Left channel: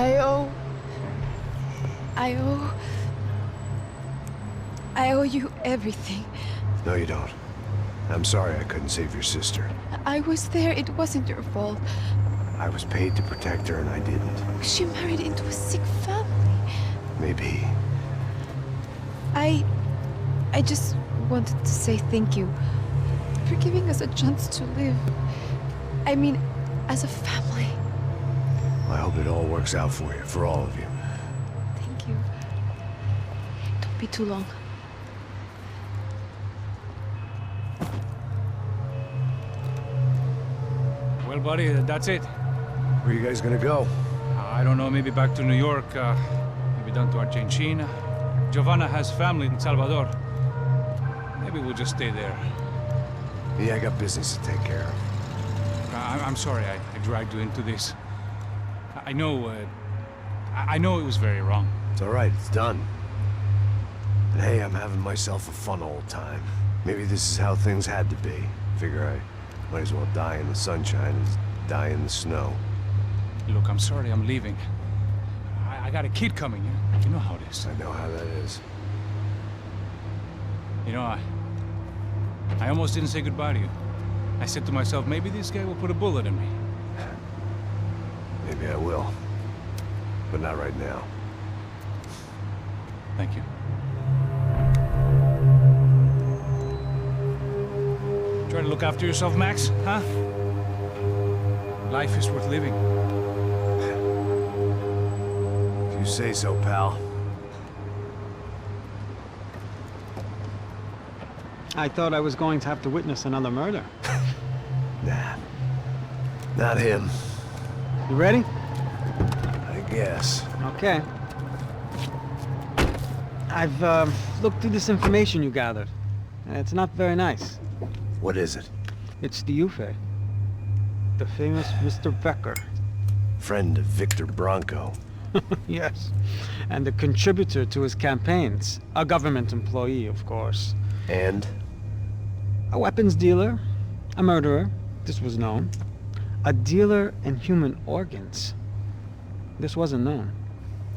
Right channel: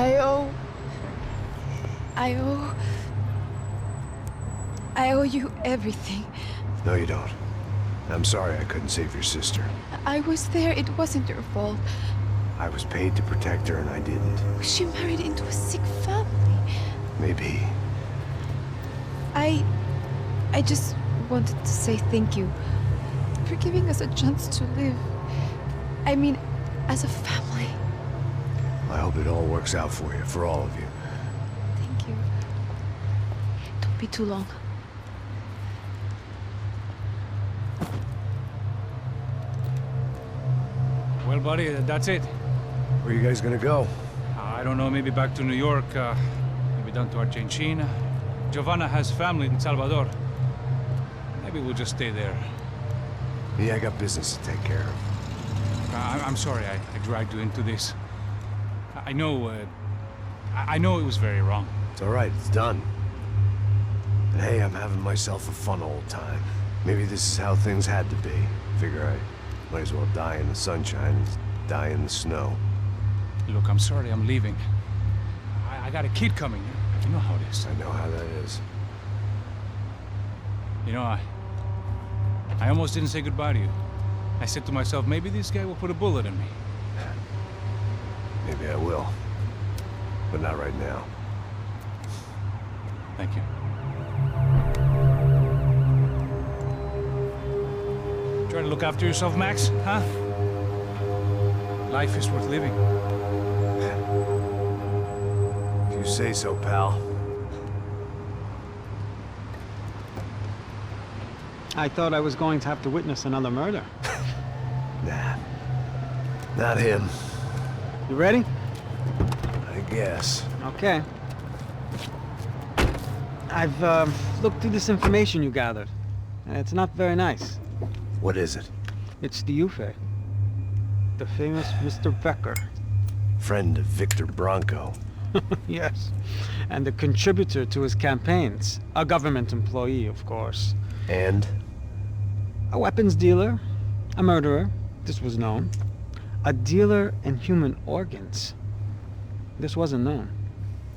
I owe... I owe you everything. No, you don't. I'm sorry I couldn't save your sister. I was there. It wasn't your fault. I was paid to protect her and I didn't. She married into a sick family. Maybe. I just wanted to say thank you for giving us a chance to live. I mean, as a family. I hope it all works out for you, for all of you. Thank you. Don't be too long. Well, buddy, that's it. Where are you guys gonna go? I don't know, maybe back to New York, maybe down to Argentina. Giovanna has family in Salvador. Maybe we'll just stay there. Yeah, I got business to take care of. I'm sorry I dragged you into this. I know it was very wrong. It's all right, it's done. But hey, I'm having myself a fun old time. Maybe this is how things had to be. Figure I might as well die in the sunshine as die in the snow. Look, I'm sorry I'm leaving. I got a kid coming, you know how it is. I know how that is. You know, I almost didn't say goodbye to you. I said to myself, maybe this guy will put a bullet in me. Maybe I will. But not right now. Thank you. Try to look after yourself, Max, huh? Life is worth living. If you say so, pal. I thought I was going to have to witness another murder. Nah. Not him. You ready? I guess. Okay. I've looked through this information you gathered. It's not very nice. What is it? It's the Ufe. The famous Mr. Becker. Friend of Victor Bronco. Yes. And a contributor to his campaigns. A government employee, of course. And? A weapons dealer. A murderer. This was known. A dealer in human organs. This wasn't known.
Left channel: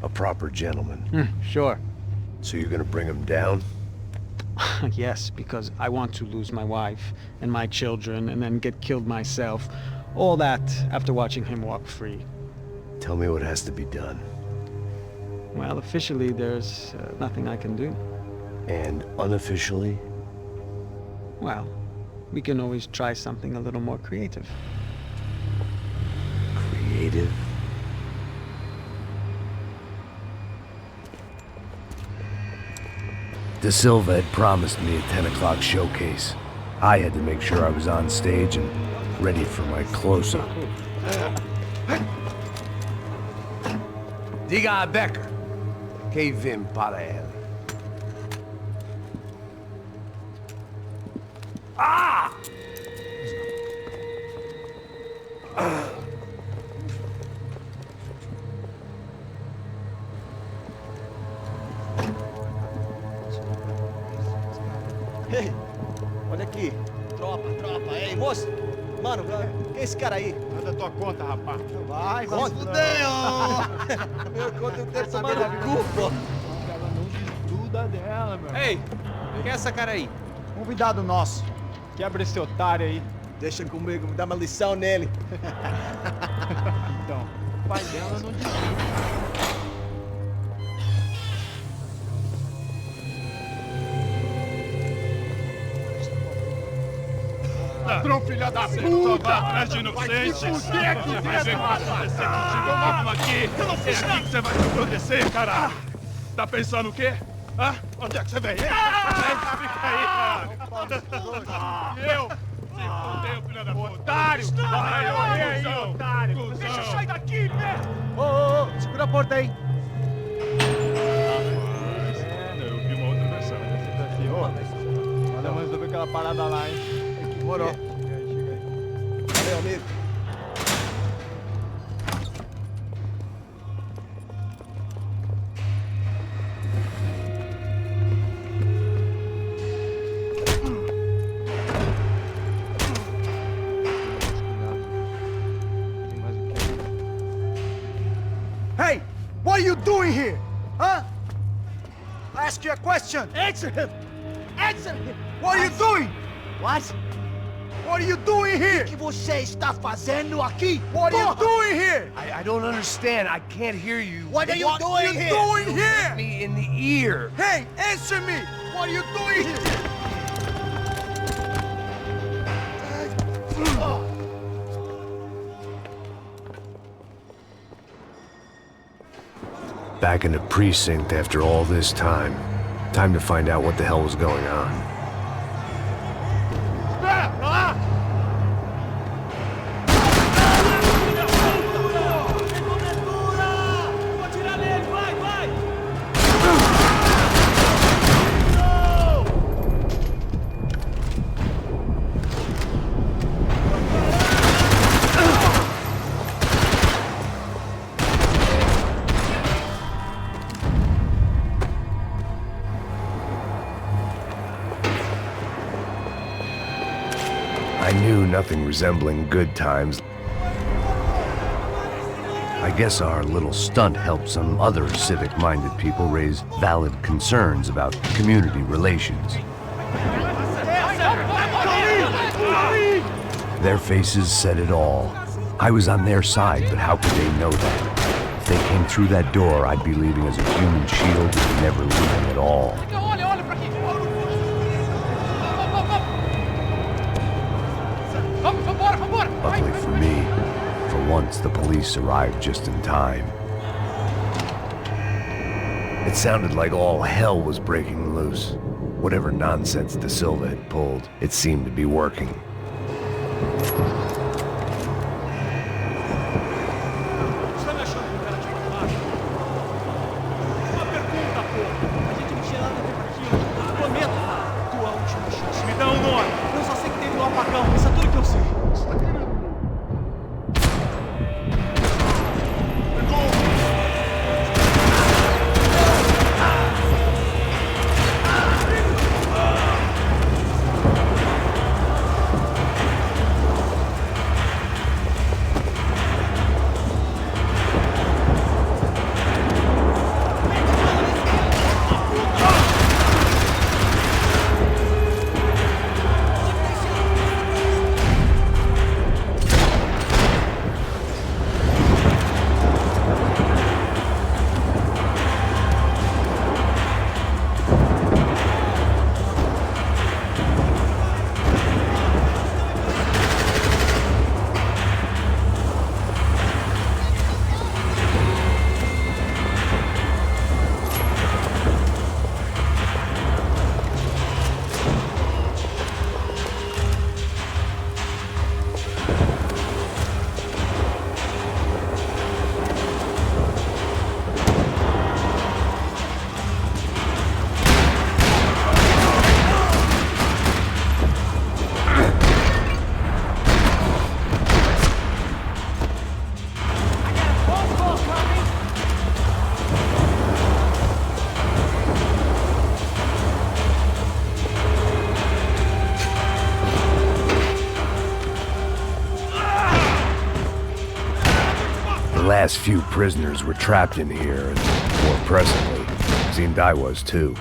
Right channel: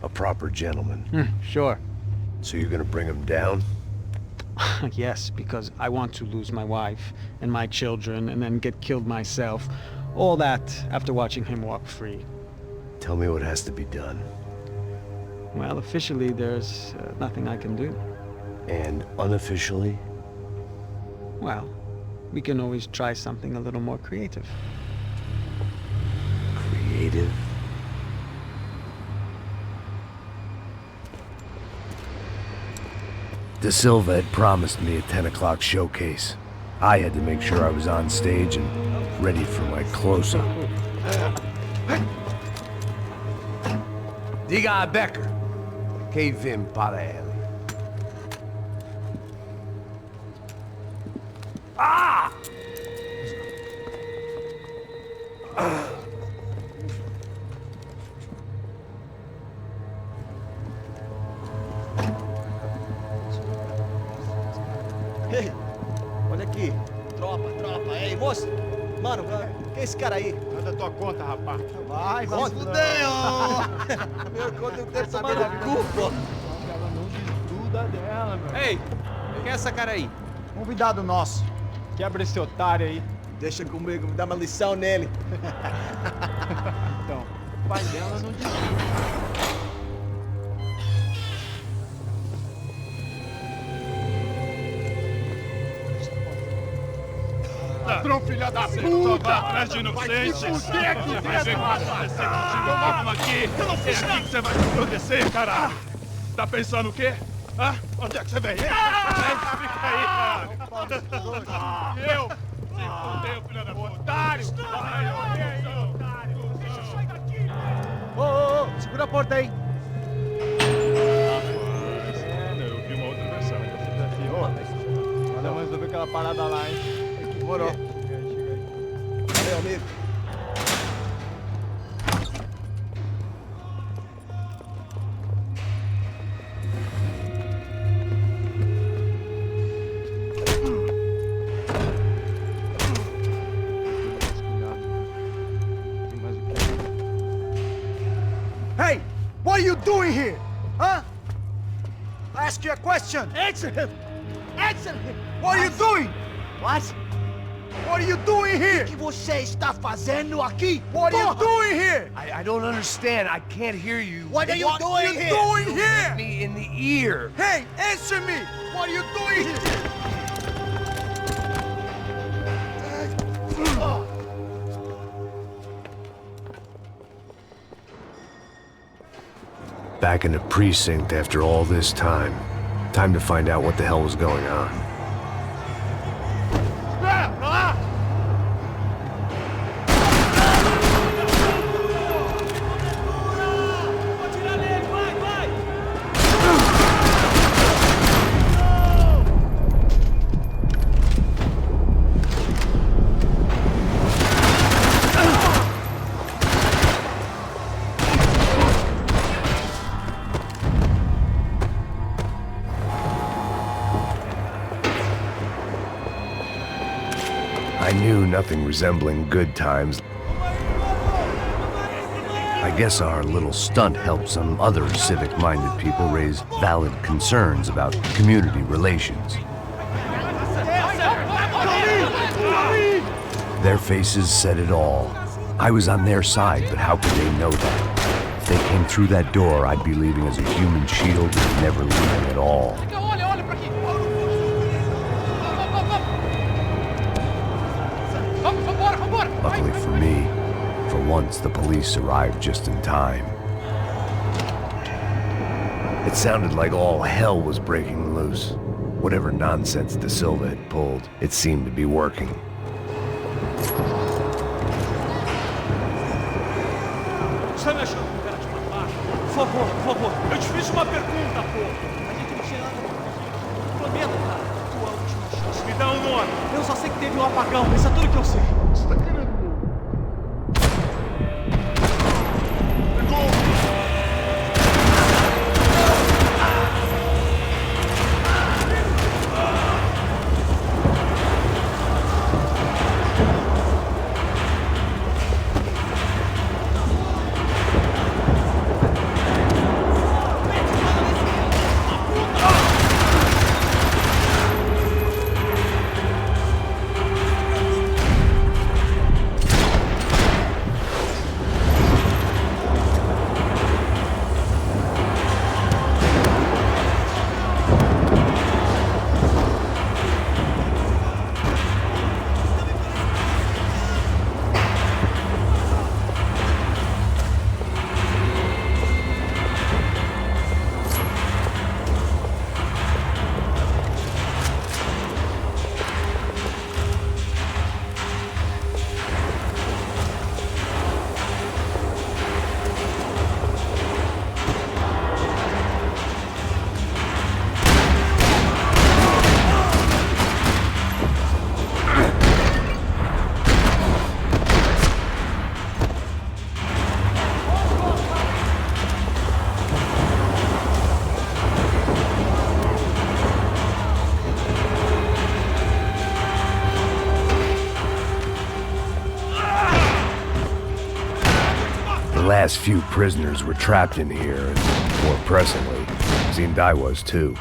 A proper gentleman. Sure. So you're gonna bring him down? Yes, because I want to lose my wife and my children and then get killed myself. All that after watching him walk free. Tell me what has to be done. Well, officially, there's nothing I can do. And unofficially? Well, we can always try something a little more creative. Creative? De Silva had promised me a 10 o'clock showcase. I had to make sure I was on stage and ready for my close-up. Diga a Becker. Que vim para ele. Ah! Ei, olha aqui. Tropa. Ei, moço. Mano, quem é esse cara aí? Manda tua conta, rapaz. Vai se fuder, ó. Meu conta eu quero tomar no cu, pô. Ela não desgruda dela, meu. Ei, quem é essa cara aí? Convidado nosso. Quebra esse otário aí. Deixa comigo, me dá uma lição nele. Então, o pai dela não desgruda. Ladrão, filha da puta! Vai atrás de inocente! Vai se fuder aqui dentro, rapaz! Vai ver o que vai acontecer contigo! Vamos aqui! Eu não fiz nada! É aqui que você vai acontecer, caralho! Tá pensando o quê? Hã? Onde é que você vem? Fica aí, caralho! E eu? Se fudeu, filha da puta! Otário! Vai aí, otário! Deixa eu sair daqui, né? Ô, segura a porta aí! Eu vi uma outra versão. Vamos resolver aquela parada lá, hein? Demorou. Chega aí. Valeu, amigo. Tem mais o quê? Hey! doing here? Huh? I ask you a question. Answer him! Answer him! What are you doing? What? What are you doing here? O que você está fazendo aqui? What are you doing here? I don't understand. I can't hear you. What are you doing here? You hit me in the ear. Hey, answer me! What are you doing here? Back in the precinct after all this time. Time to find out what the hell was going on. I knew nothing resembling good times. I guess our little stunt helped some other civic-minded people raise valid concerns about community relations. Their faces said it all. I was on their side, but how could they know that? If they came through that door, I'd be leaving as a human shield and never leaving at all. Luckily for me, for once the police arrived just in time. It sounded like all hell was breaking loose. Whatever nonsense De Silva had pulled, it seemed to be working. Está me achando que o cara te matar? Por favor, eu te fiz uma pergunta, pô. A gente não tinha nada a ver com aquilo. Prometo, cara. Tua última chance. Me dá um nome. Eu só sei que teve um apagão. Isso é tudo que eu sei. Você tá querendo? The last few prisoners were trapped in here, and more pressingly, seemed I was too.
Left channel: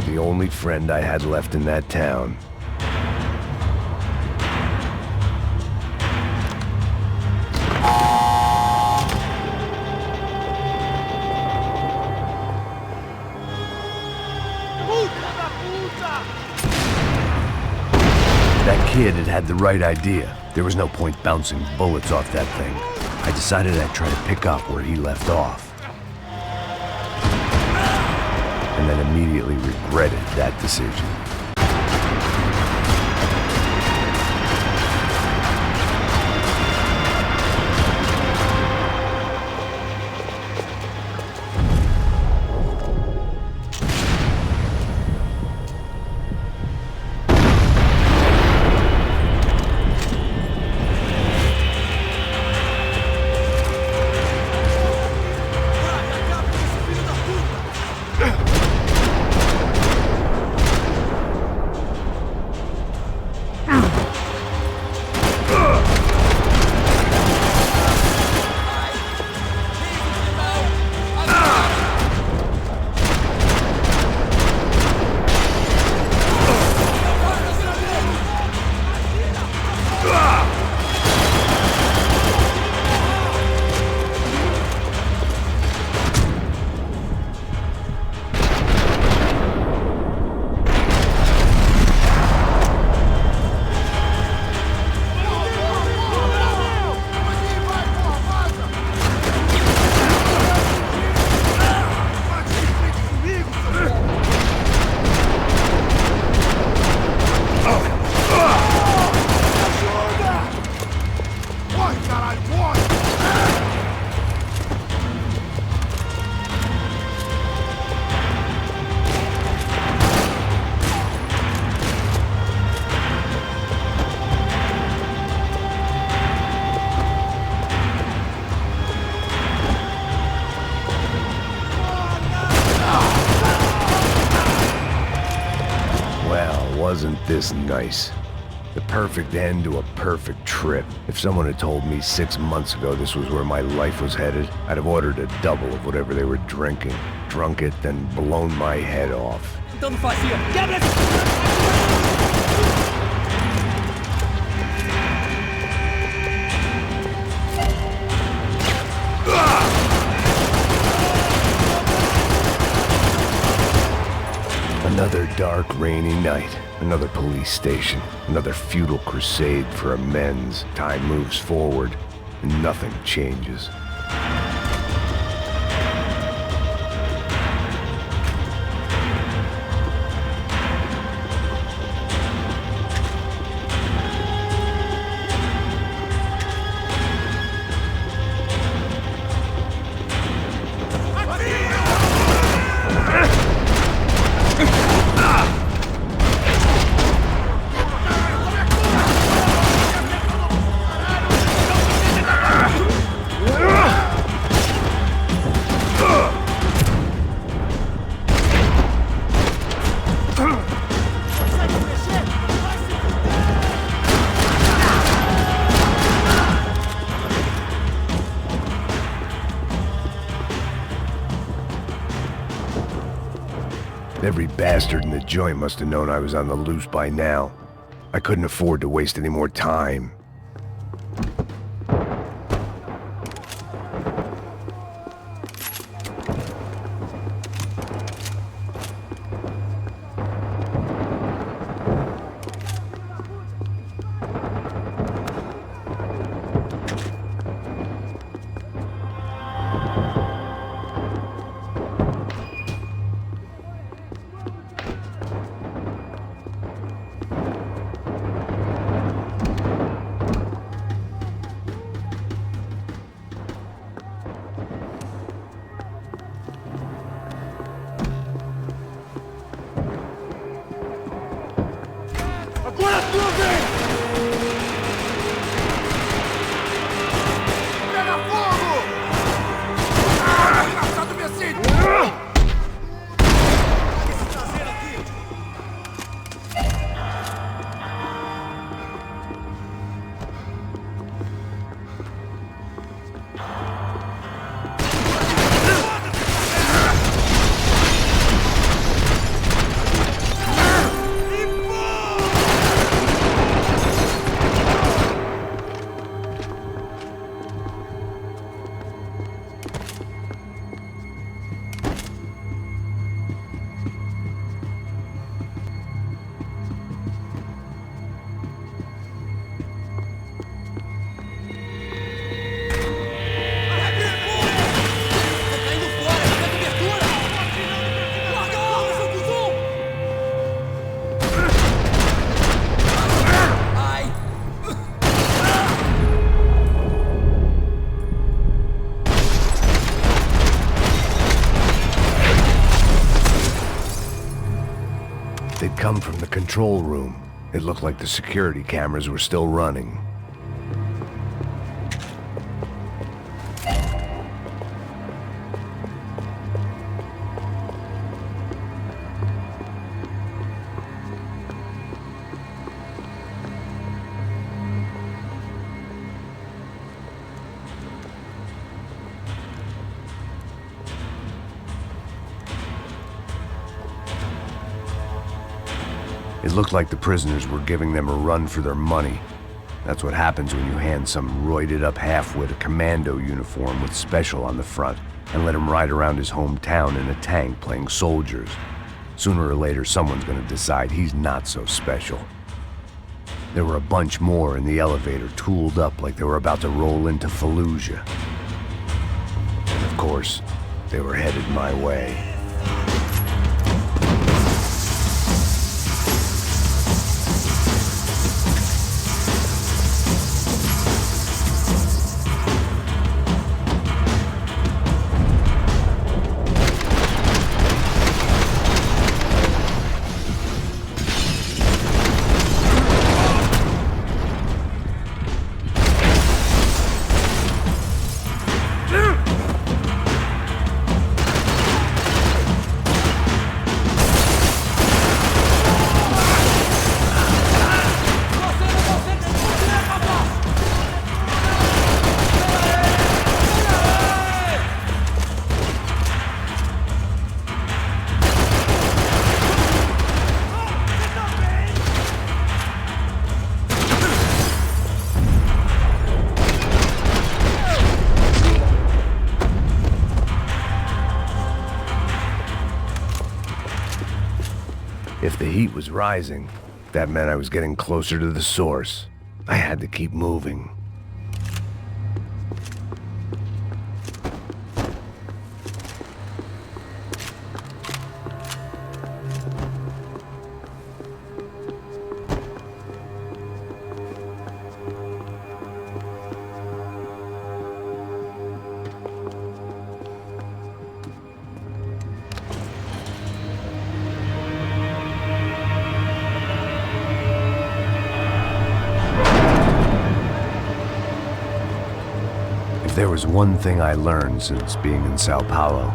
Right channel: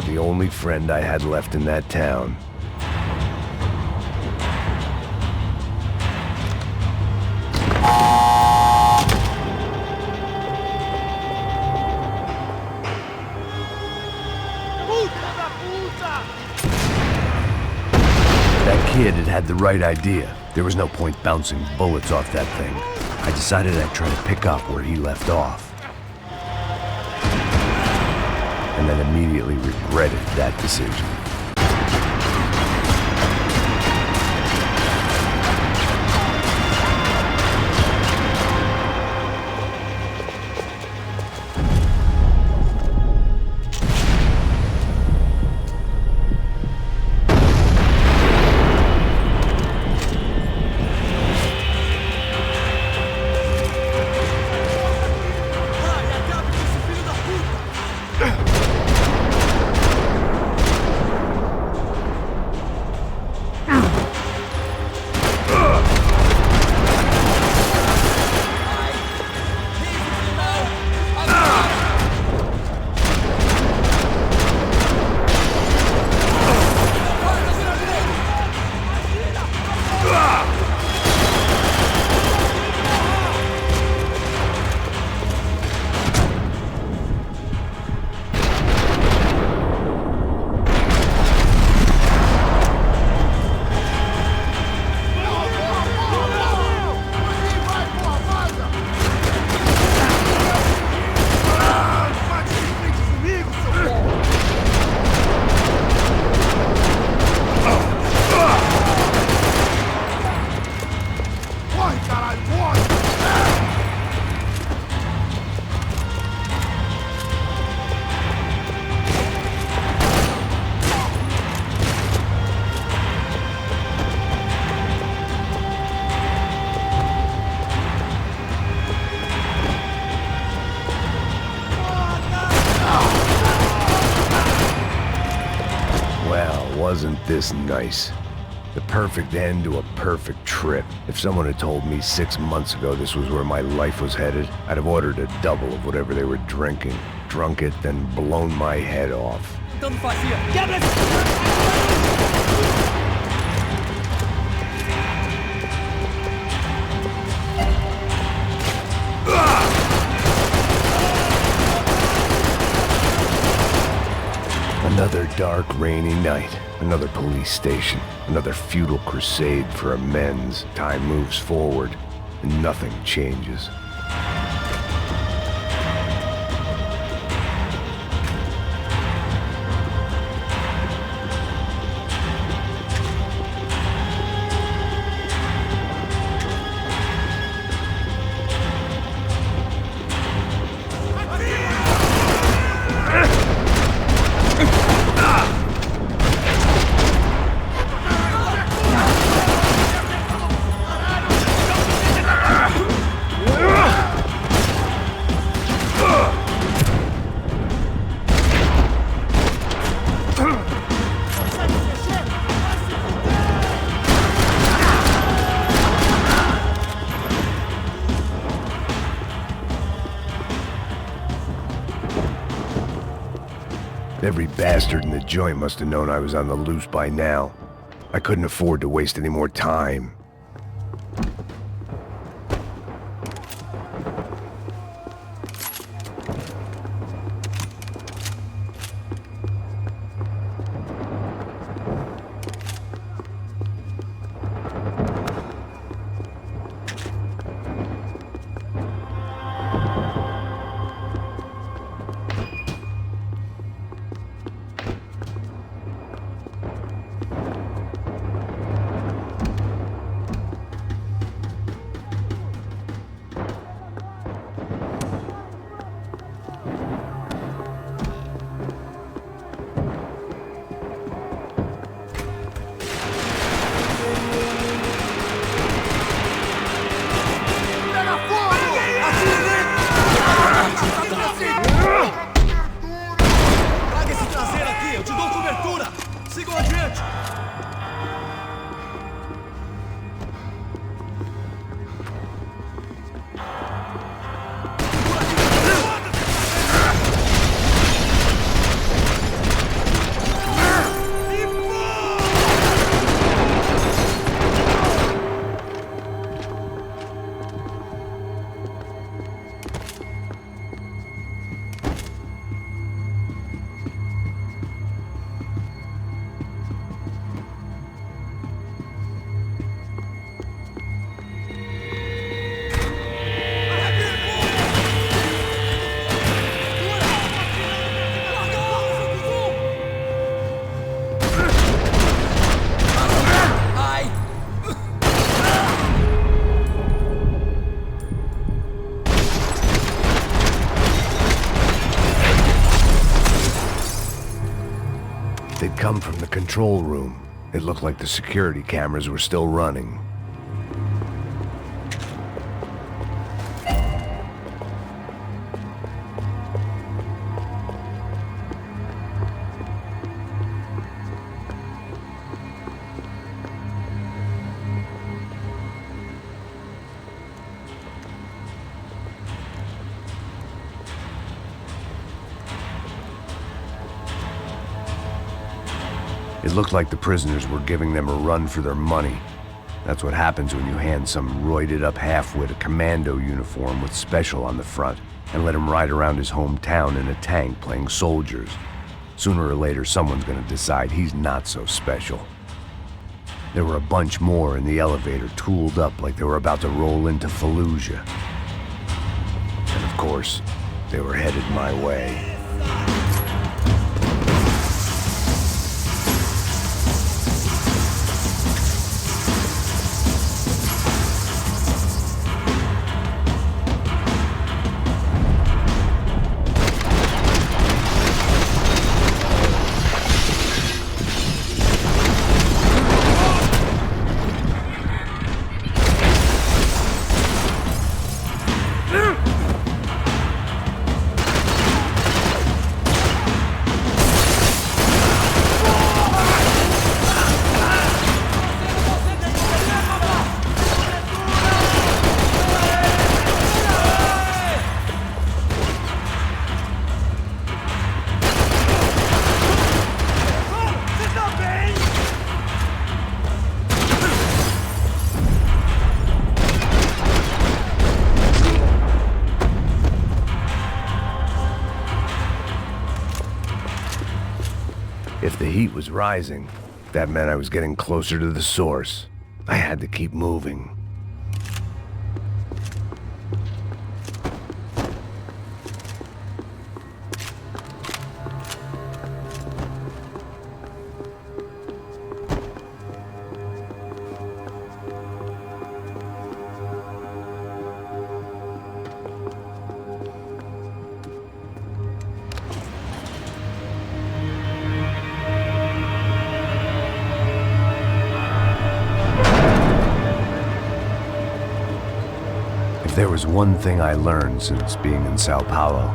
about the only friend I had left in that town. That kid had the right idea. There was no point bouncing bullets off that thing. I decided I'd try to pick up where he left off. And then immediately regretted that decision. Wasn't this nice? The perfect end to a perfect trip. If someone had told me 6 months ago this was where my life was headed, I'd have ordered a double of whatever they were drinking, drunk it, then blown my head off. Então não fazia. Quebra Another dark, rainy night. Another police station. Another futile crusade for amends. Time moves forward, and nothing changes. Every bastard in the joint must have known I was on the loose by now. I couldn't afford to waste any more time. come from the control room. It looked like the security cameras were still running. It looked like the prisoners were giving them a run for their money. That's what happens when you hand some roided-up halfwit a commando uniform with special on the front and let him ride around his hometown in a tank playing soldiers. Sooner or later, someone's gonna decide he's not so special. There were a bunch more in the elevator, tooled up like they were about to roll into Fallujah. And of course, they were headed my way. If the heat was rising, that meant I was getting closer to the source. I had to keep moving. If there was one thing I learned since being in Sao Paulo,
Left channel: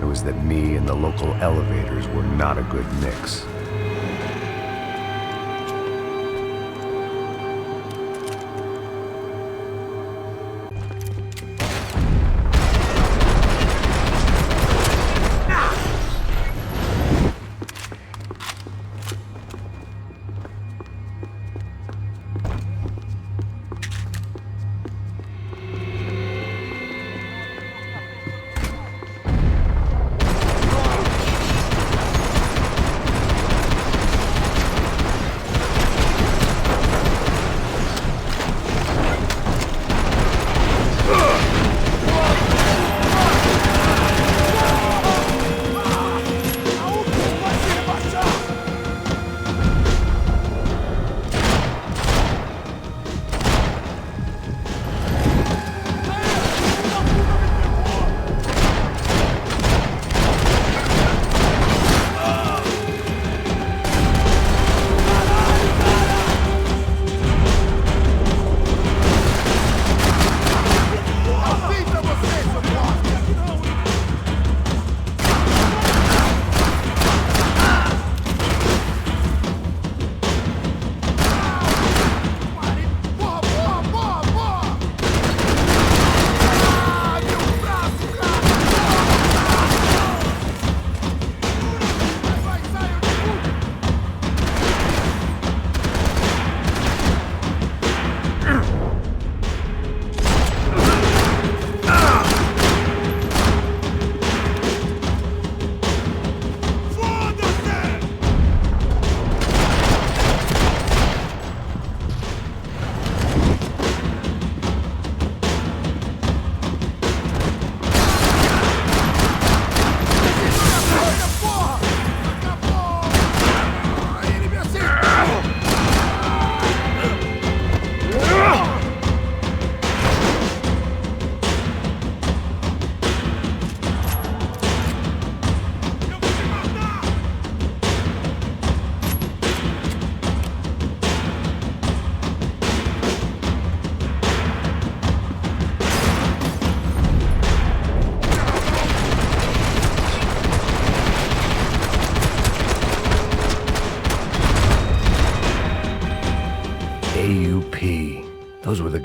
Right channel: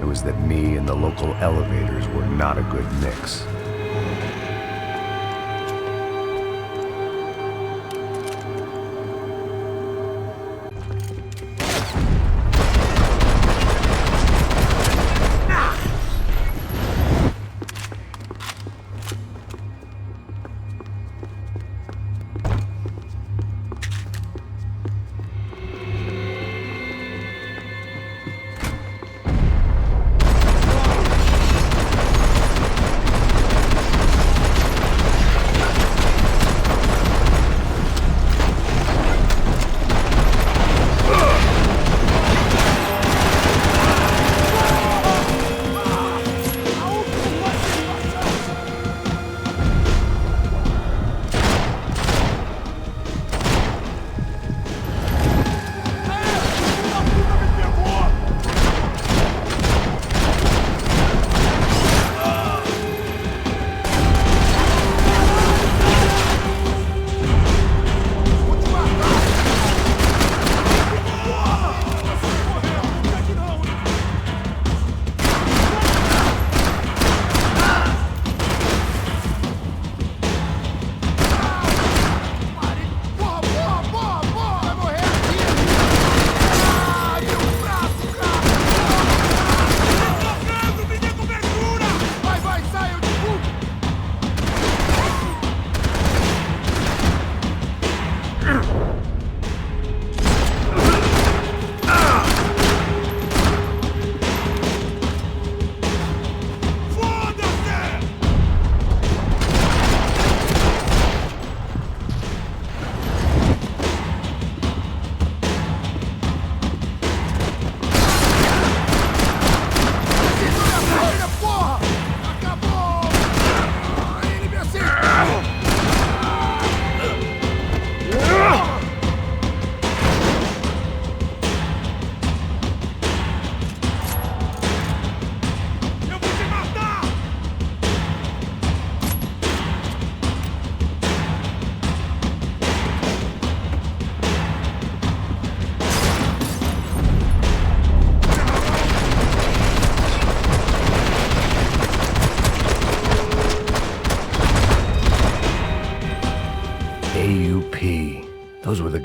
it was that me and the local elevators were not a good mix.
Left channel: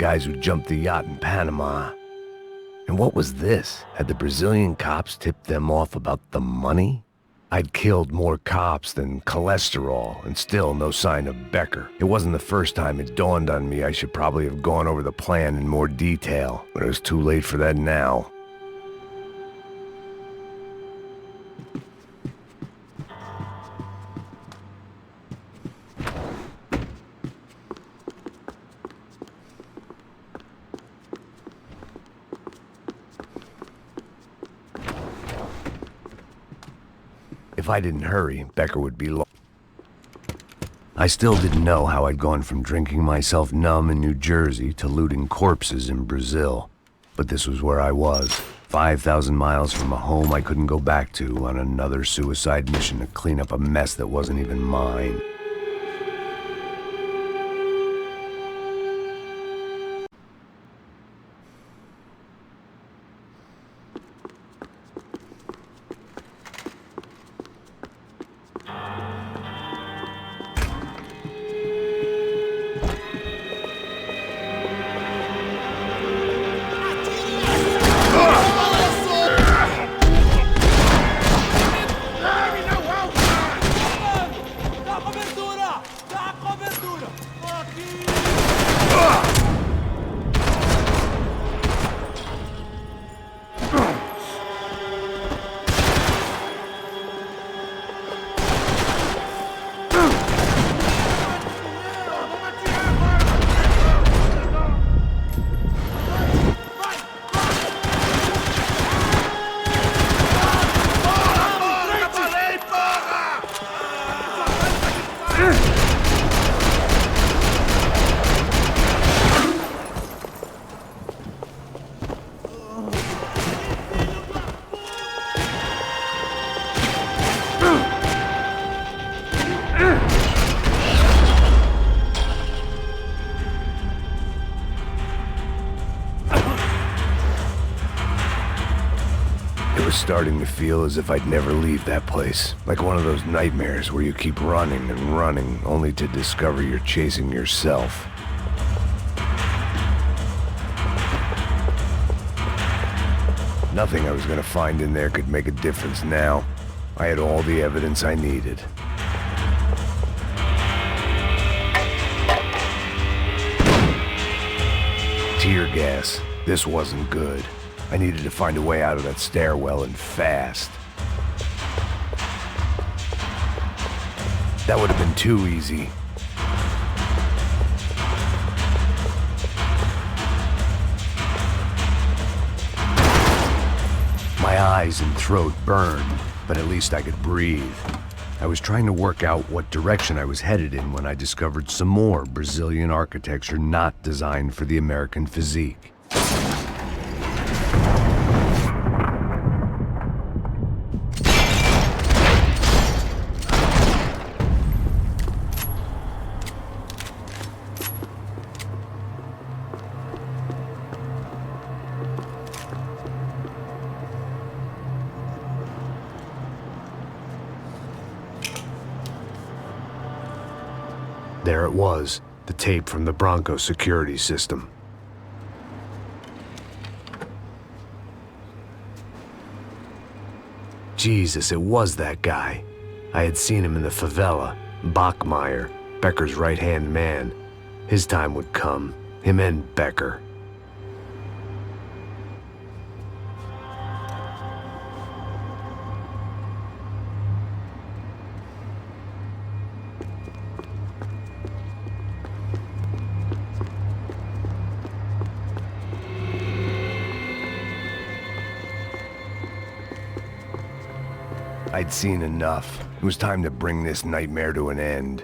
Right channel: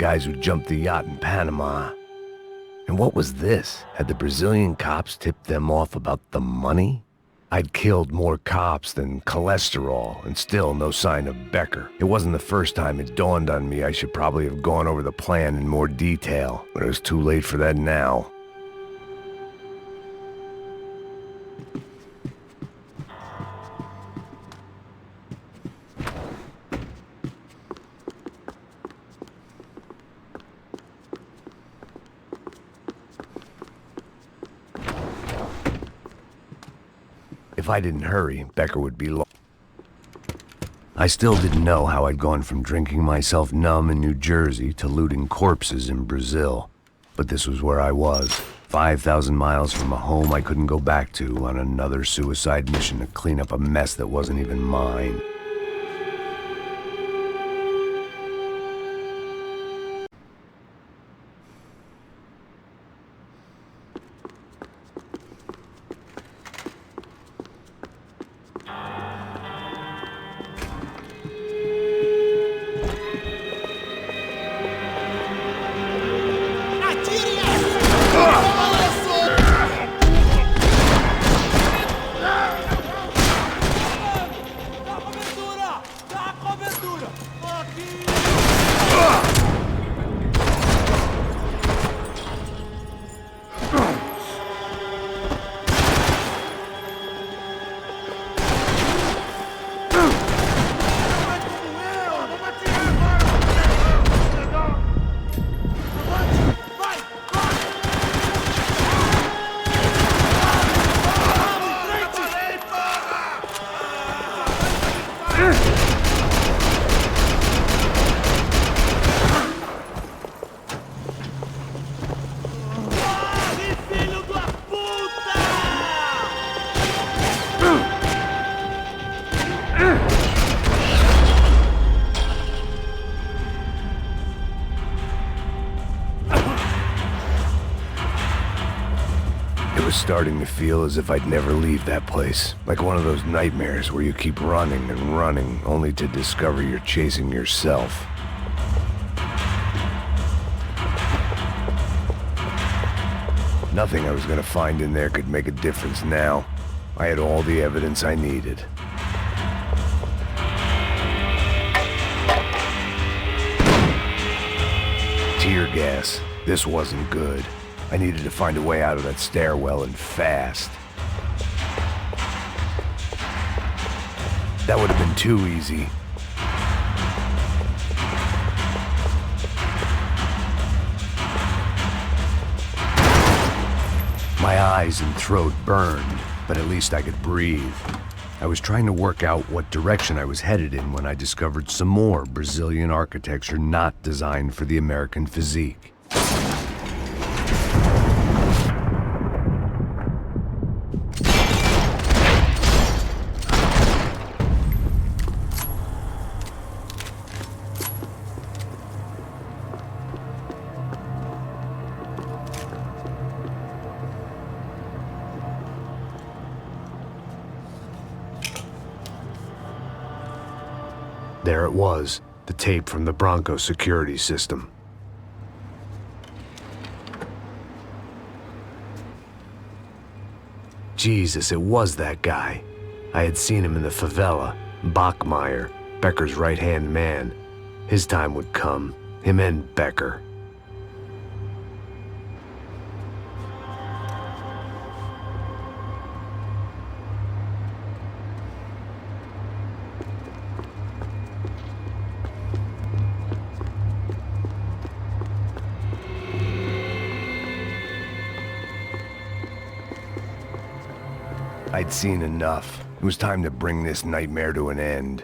guys who jumped the yacht in Panama. And what was this? Had the Brazilian cops tipped them off about the money? I'd killed more cops than cholesterol, and still no sign of Becker. It wasn't the first time it dawned on me I should probably have gone over the plan in more detail, but it was too late for that now. If I didn't hurry, Becker would be lost. I still didn't know how I'd gone from drinking myself numb in New Jersey to looting corpses in Brazil. But this was where I was, 5,000 miles from a home I couldn't go back to, on another suicide mission to clean up a mess that wasn't even mine. It was starting to feel as if I'd never leave that place. Like one of those nightmares where you keep running and running, only to discover you're chasing yourself. Nothing I was gonna find in there could make a difference now. I had all the evidence I needed. Tear gas. This wasn't good. I needed to find a way out of that stairwell, and fast. That would have been too easy. My eyes and throat burned, but at least I could breathe. I was trying to work out what direction I was headed in when I discovered some more Brazilian architecture not designed for the American physique. There it was, the tape from the Bronco security system. Jesus, it was that guy. I had seen him in the favela, Bachmeyer, Becker's right-hand man. His time would come, him and Becker. I'd seen enough. It was time to bring this nightmare to an end.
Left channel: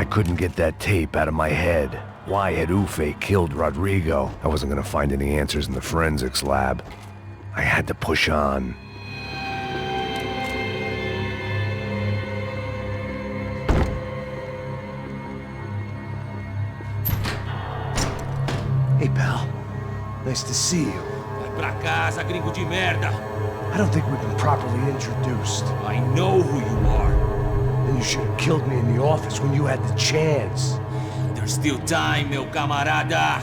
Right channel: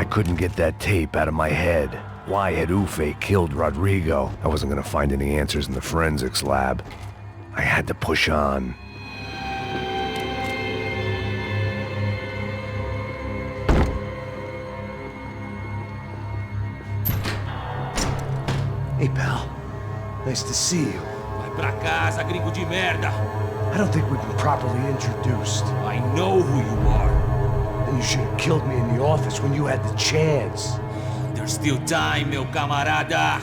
I couldn't get that tape out of my head. Why had Ufe killed Rodrigo? I wasn't gonna find any answers in the forensics lab. I had to push on. Hey, pal. Nice to see you. Vai pra casa, gringo de merda! I don't think we've been properly introduced. I know who you are. Then you should have killed me in the office when you had the chance. There's still time, meu camarada!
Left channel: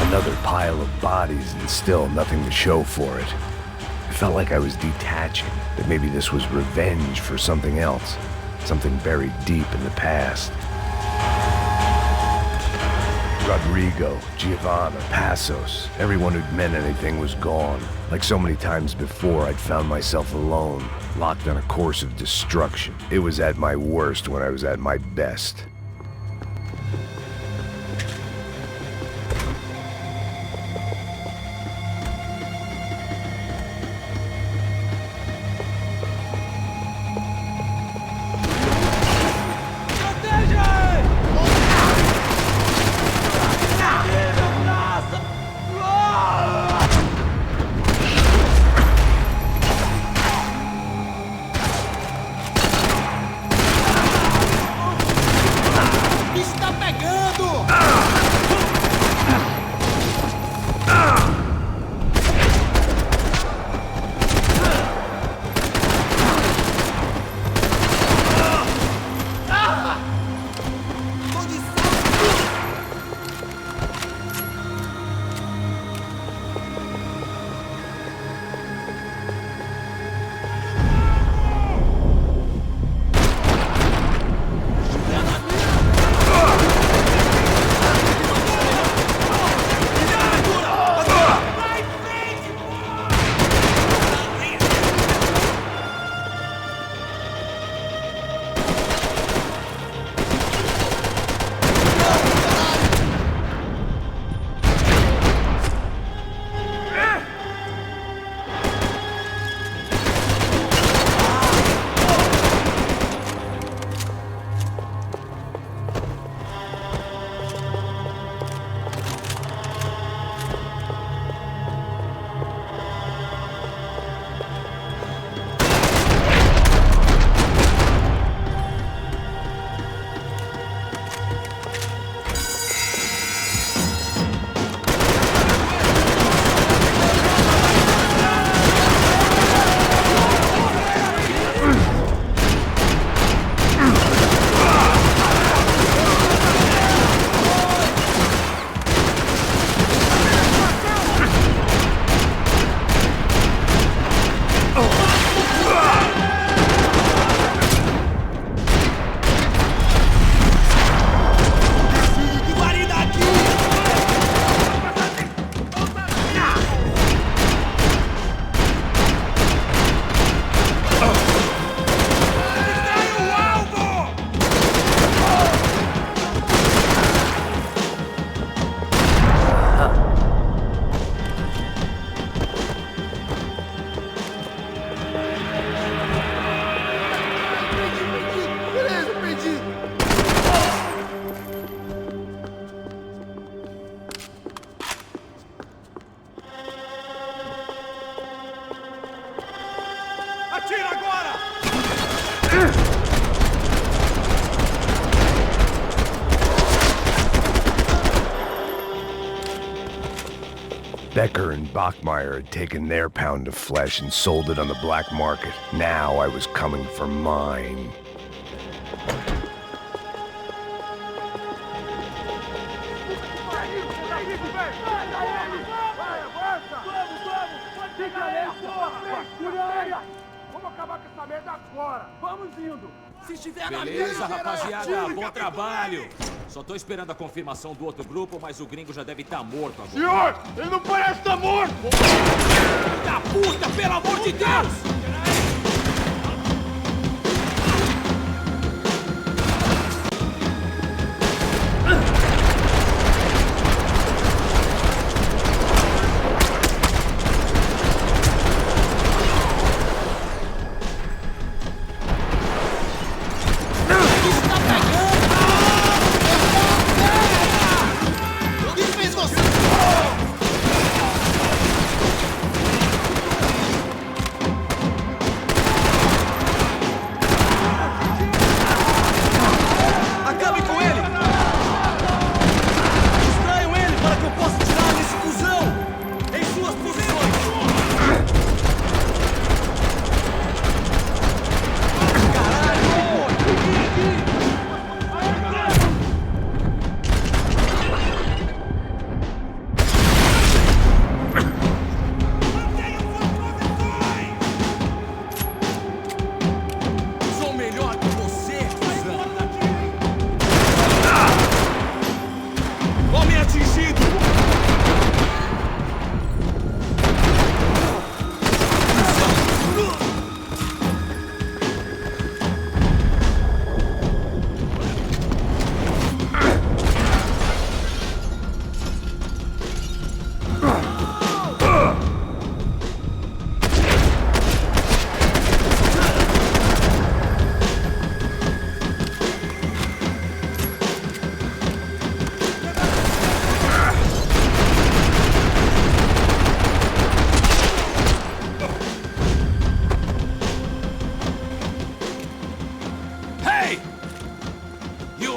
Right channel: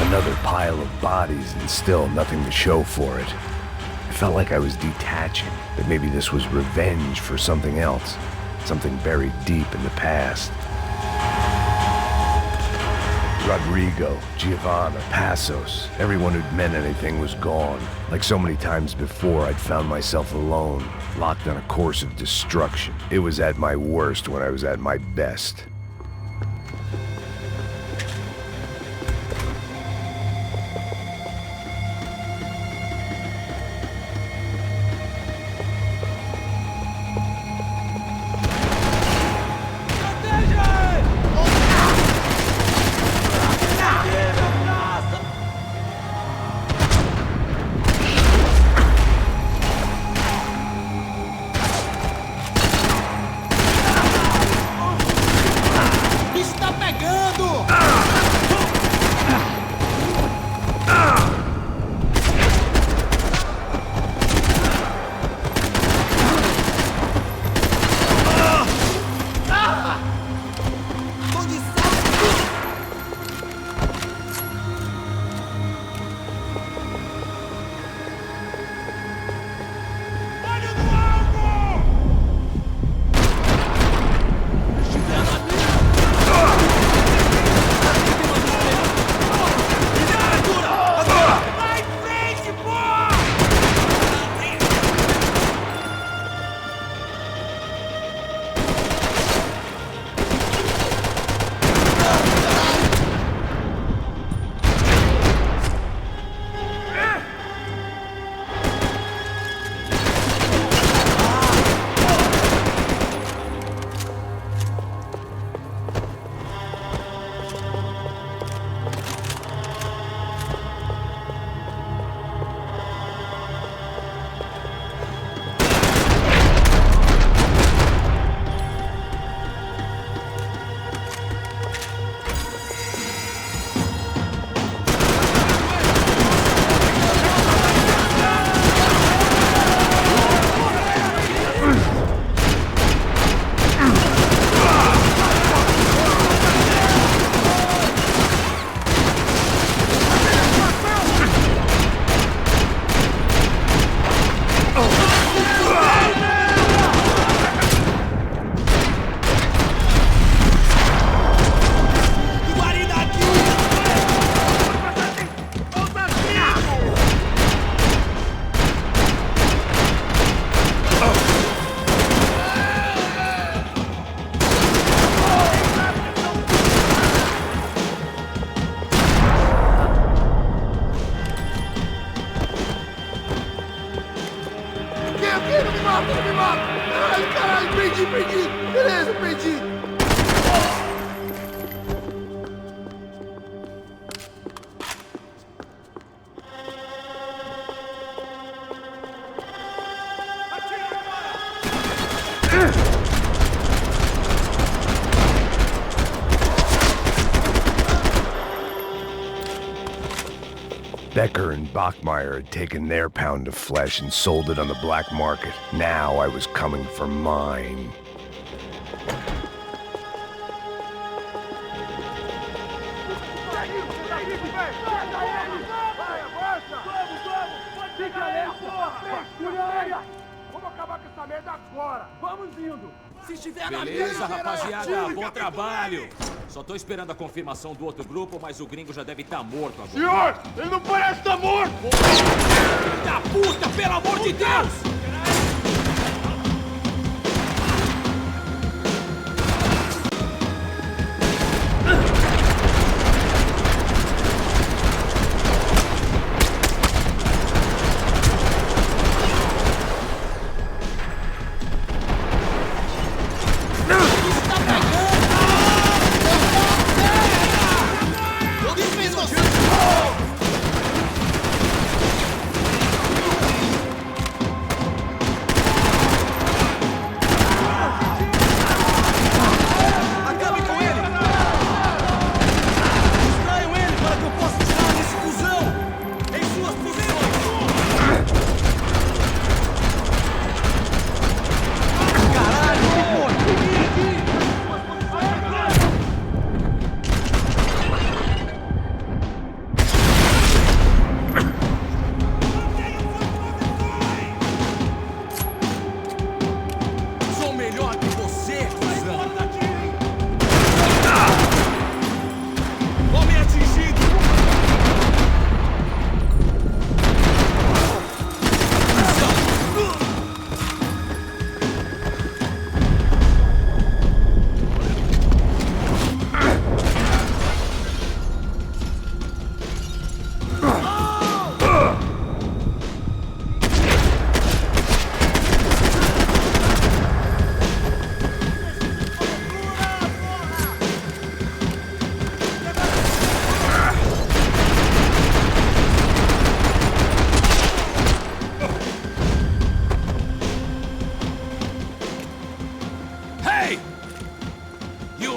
Another pile of bodies and still nothing to show for it. I felt like I was detaching, that maybe this was revenge for something else, something buried deep in the past. Rodrigo, Giovanna, Passos, everyone who'd meant anything was gone. Like so many times before, I'd found myself alone, locked on a course of destruction. It was at my worst when I was at my best. Becker and Bachmeyer had taken their pound of flesh and sold it on the black market. Now I was coming for mine. Beleza, rapaziada, bom trabalho. Só tô esperando a confirmação do outro grupo, mas o gringo já deve estar morto agora. Senhor, ele não parece estar morto! Filho da puta, pelo amor de Deus!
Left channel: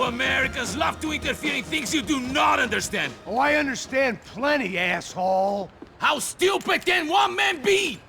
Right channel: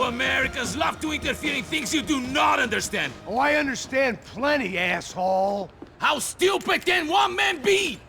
Americans love to interfere in things you do not understand. Oh, I understand plenty, asshole. How stupid can one man be?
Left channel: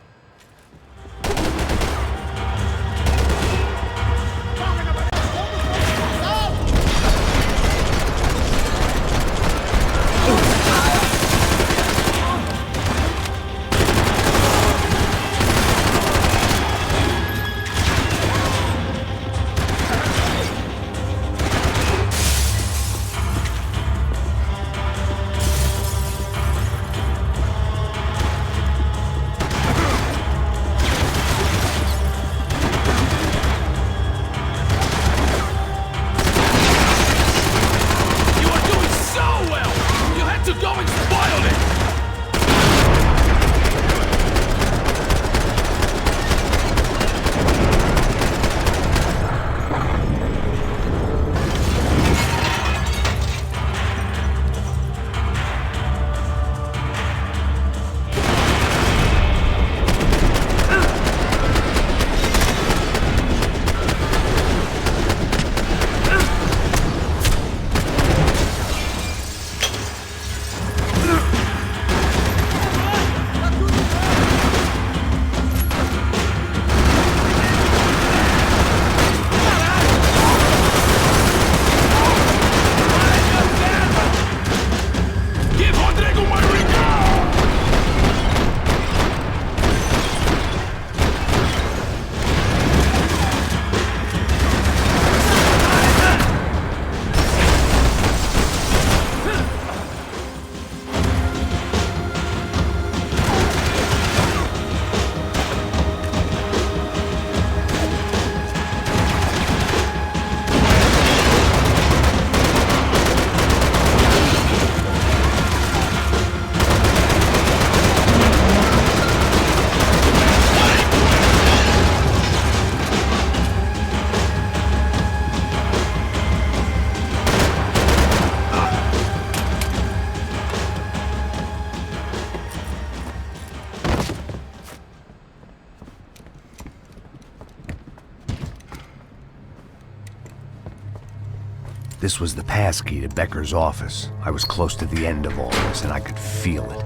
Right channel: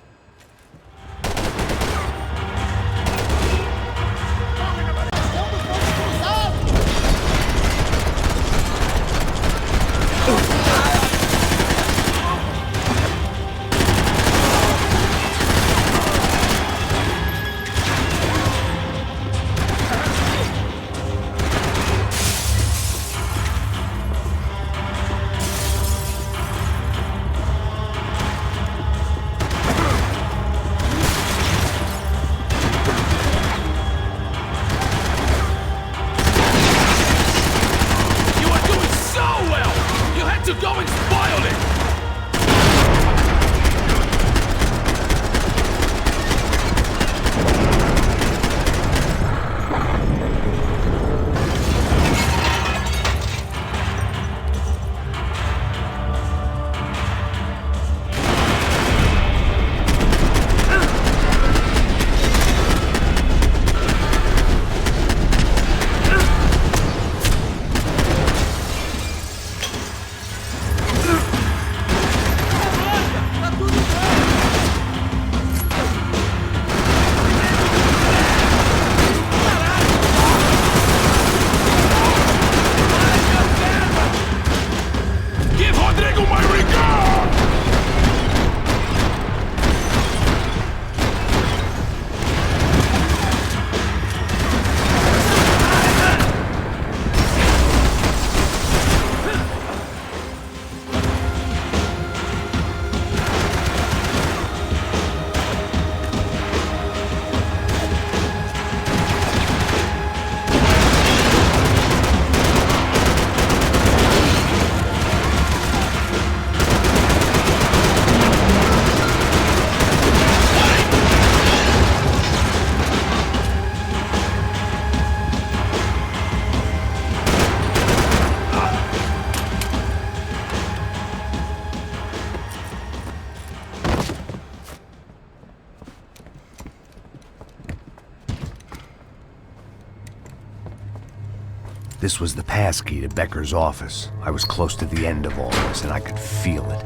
This was the passkey to Becker's office. I was close to the end of all this, and I could feel it.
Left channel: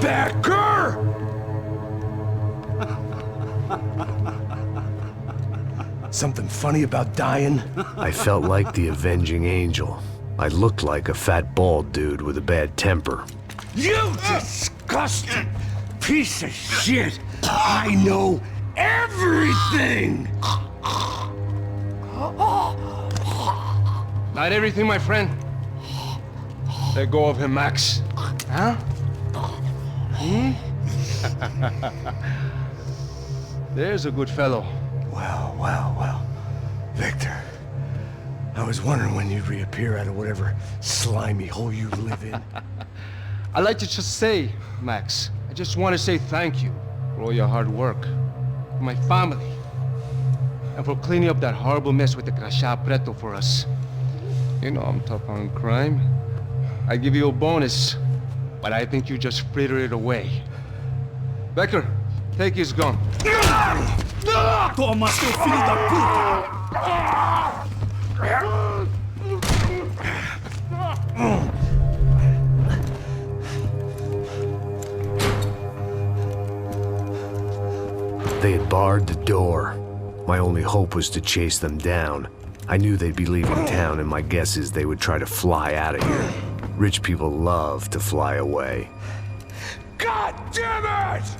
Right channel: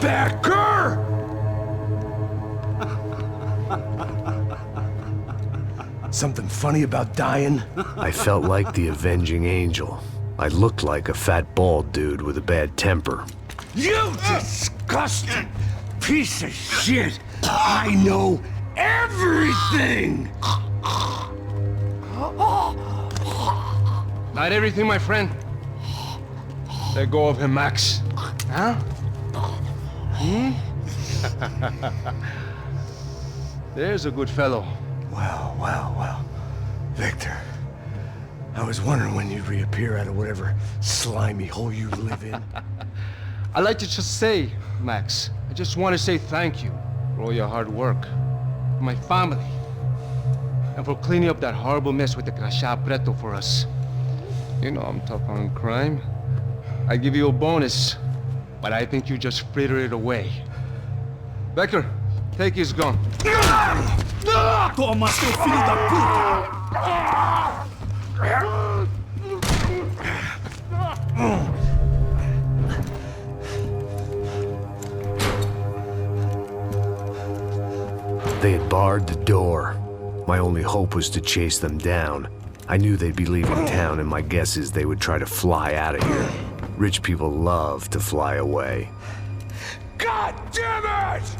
Becker! Something funny about dying? I felt like the avenging angel. I looked like a fat bald dude with a bad temper. You disgusting piece of shit! I know everything! Not everything, my friend. Let go of him, Max. Huh? There's a good fellow. Well. Victor, I was wondering when you'd reappear out of whatever slimy hole you live in. I'd like to just say, Max, I just want to say thank you for all your hard work, for my family, and for cleaning up that horrible mess with the Crachá Preto for us. You know I'm tough on crime. I give you a bonus, but I think you just fritter it away. Becker, take his gun. Toma, seu filho da puta! They had barred the door. My only hope was to chase them down. I knew they'd be leaving town, and my guess is they would try to fly out of here. Rich people love to fly away. God damn it!